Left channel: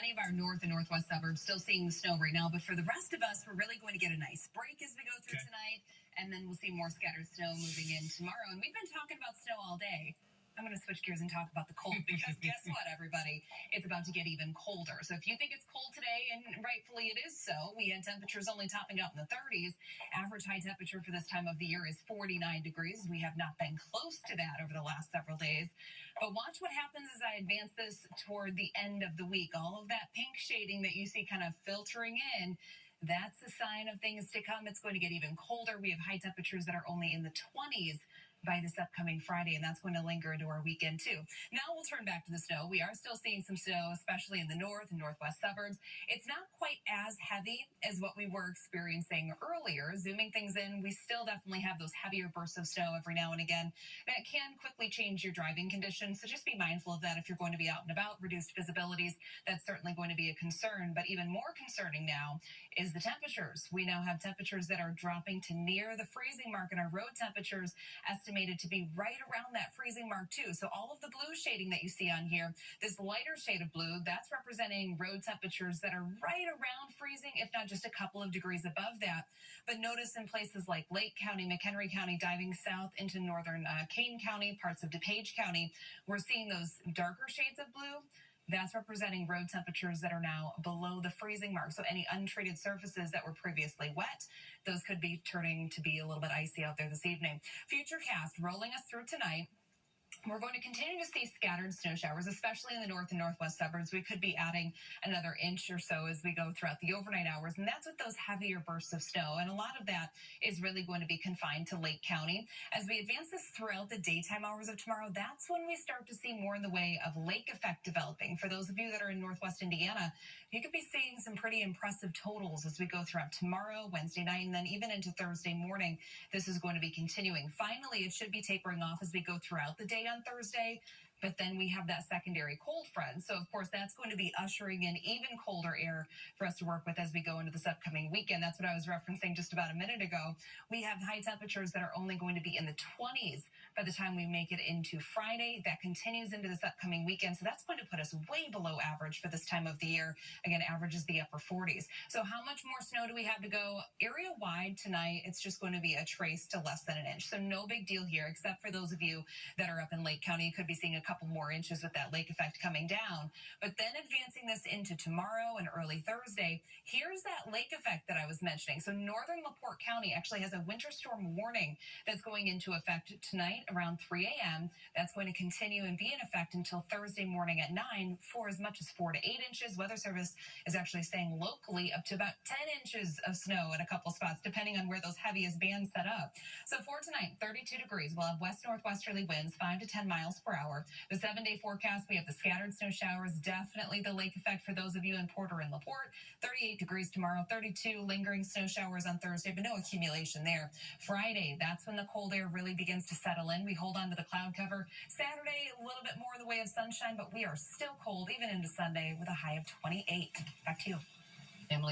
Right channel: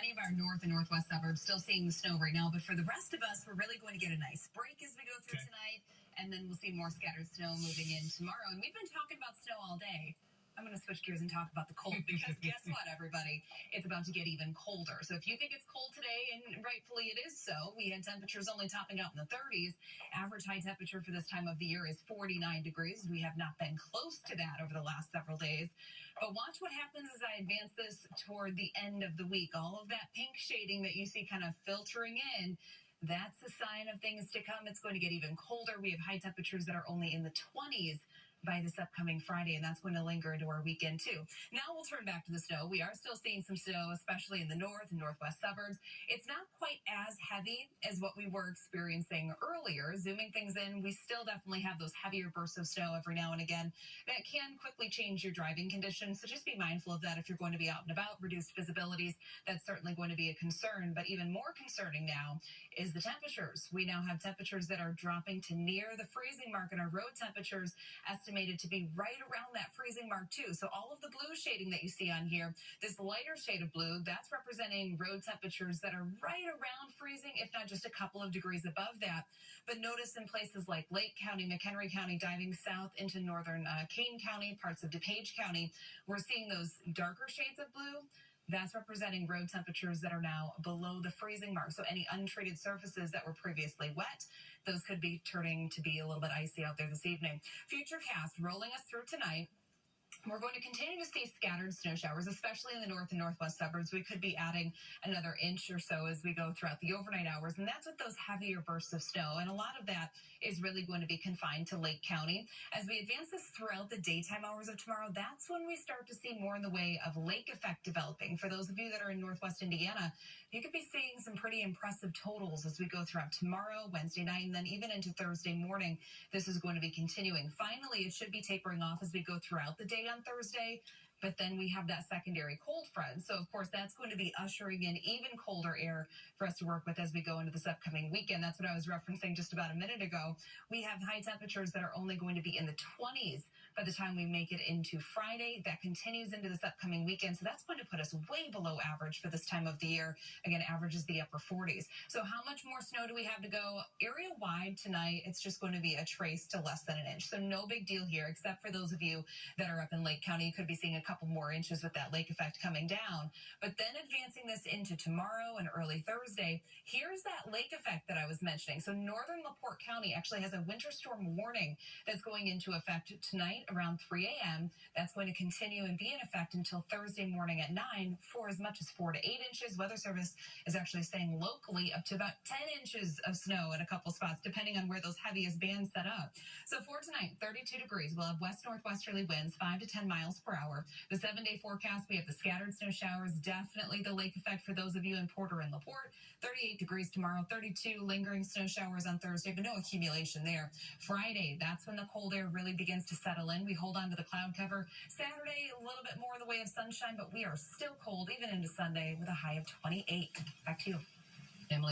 many of our north and northwest suburbs, still seeing the snow right now. But for the rest of us, we're really going to get a nice break as we go through tonight. And then we'll see more scattered snow moving in tomorrow. And we've been talking about snow all day. I'm going to switch gears and talk about the cold because guess what, everybody? It's about to get even colder. So if you think it's cold today, and rightfully it is so, we had temperatures only topping out in the 30s. Average high temperature for this time of the year is 49 degrees. We have not been close to that over the last several days. But watch what happens as I advance this toward the end of the week. All of that pink shading that you see kind of filtering in, that's a sign of things to come. It's going to get even colder. We have high temperatures that are only in the 20s by this upcoming Friday, and that's going to linger into our weekend too. Now we'll turn back to the snow. We are still seeing some snow, especially in the north and northwest suburbs. It's not quite as heavy as what we were experiencing earlier. Zooming things in, we still definitely have those heavier bursts of snow every now and again that can quickly change your driving conditions. So just be mindful of that if you're going to be out and about. Reduced visibilities, that's certainly going to be a concern. But even more concerning now is the temperatures. We now have temperatures that are dropping to near the freezing mark, and our road temperatures estimated to be right around that freezing mark too. So all of the blue shading that you see on here, this lighter shade of blue, that's representing road temperatures that are right around freezing, if not just a couple of degrees above that. But notice in places like Lake County, McHenry County, diving south into northern Kane County, parts of DuPage County, we're seeing those darker shades of blue. That's representing road temperatures that are now below the freezing mark. So any untreated surfaces that were previously wet, those could be turning to be a little bit icy out there this evening. Futurecast rolling us through tonight. We're going to continue to see scattered snow showers, especially in the north and northwest suburbs. We could be adding another inch or so as we go throughout the overnight hours, and that's with those heavier bursts of snow. And a lot of that is really going to be confined to Lake County. As we advance this throughout the daytime hours of tomorrow, that's when we start to see more in the way of lake effect developing. For those of you that are in northwest Indiana, you could be seeing some pretty impressive totals as we go throughout tomorrow, Wednesday night, and then even into Thursday morning. This is going to be continuing. Finally, it should be tapering off as we go throughout the day on Thursday. But then we have that secondary cold front. So, of course, that's going to be ushering in even colder air for us to work with as we go into this upcoming weekend. That's what I was referencing just about a minute ago. We have high temperatures that are only going to be in the 20s by the time we make it into Friday. That continues into this upcoming weekend. So that's going to put us way below average for this time of the year. Again, average is the upper 40s. So how much more snow do we have to go? Area-wide tonight, it's just going to be a trace to less than an inch. So no big deal here, except for those of you that are up in Lake County. You could be seeing a couple more inches with that lake effect coming down. But then advancing this into tomorrow and early Thursday, here's that lake effect that I was mentioning. So northern LaPorte County actually has a winter storm warning that's going into effect tonight around 3 a.m. That's going to continue and be in effect until Thursday morning at 9 for as much as 4 to 8 inches. Weather Service is actually saying locally up to about 10 inches of snow in a couple spots, depending on where those heaviest bands set up. So for tonight, 32 degrees. We'll have west-northwesterly winds, 5 to 10 miles per hour. The 7-day forecast, we have the scattered snow showers, definitely the lake effect for those of you in Porter and LaPorte. 38 degrees tomorrow, 32 lingering snow showers on Thursday, but no accumulation there. Friday, that's when the cold air really begins to settle in. We hold on to the cloud cover. Saturday, a little bit more in the way of sunshine, but we are still cold even into Sunday with a high of 28. Back to you, Emily.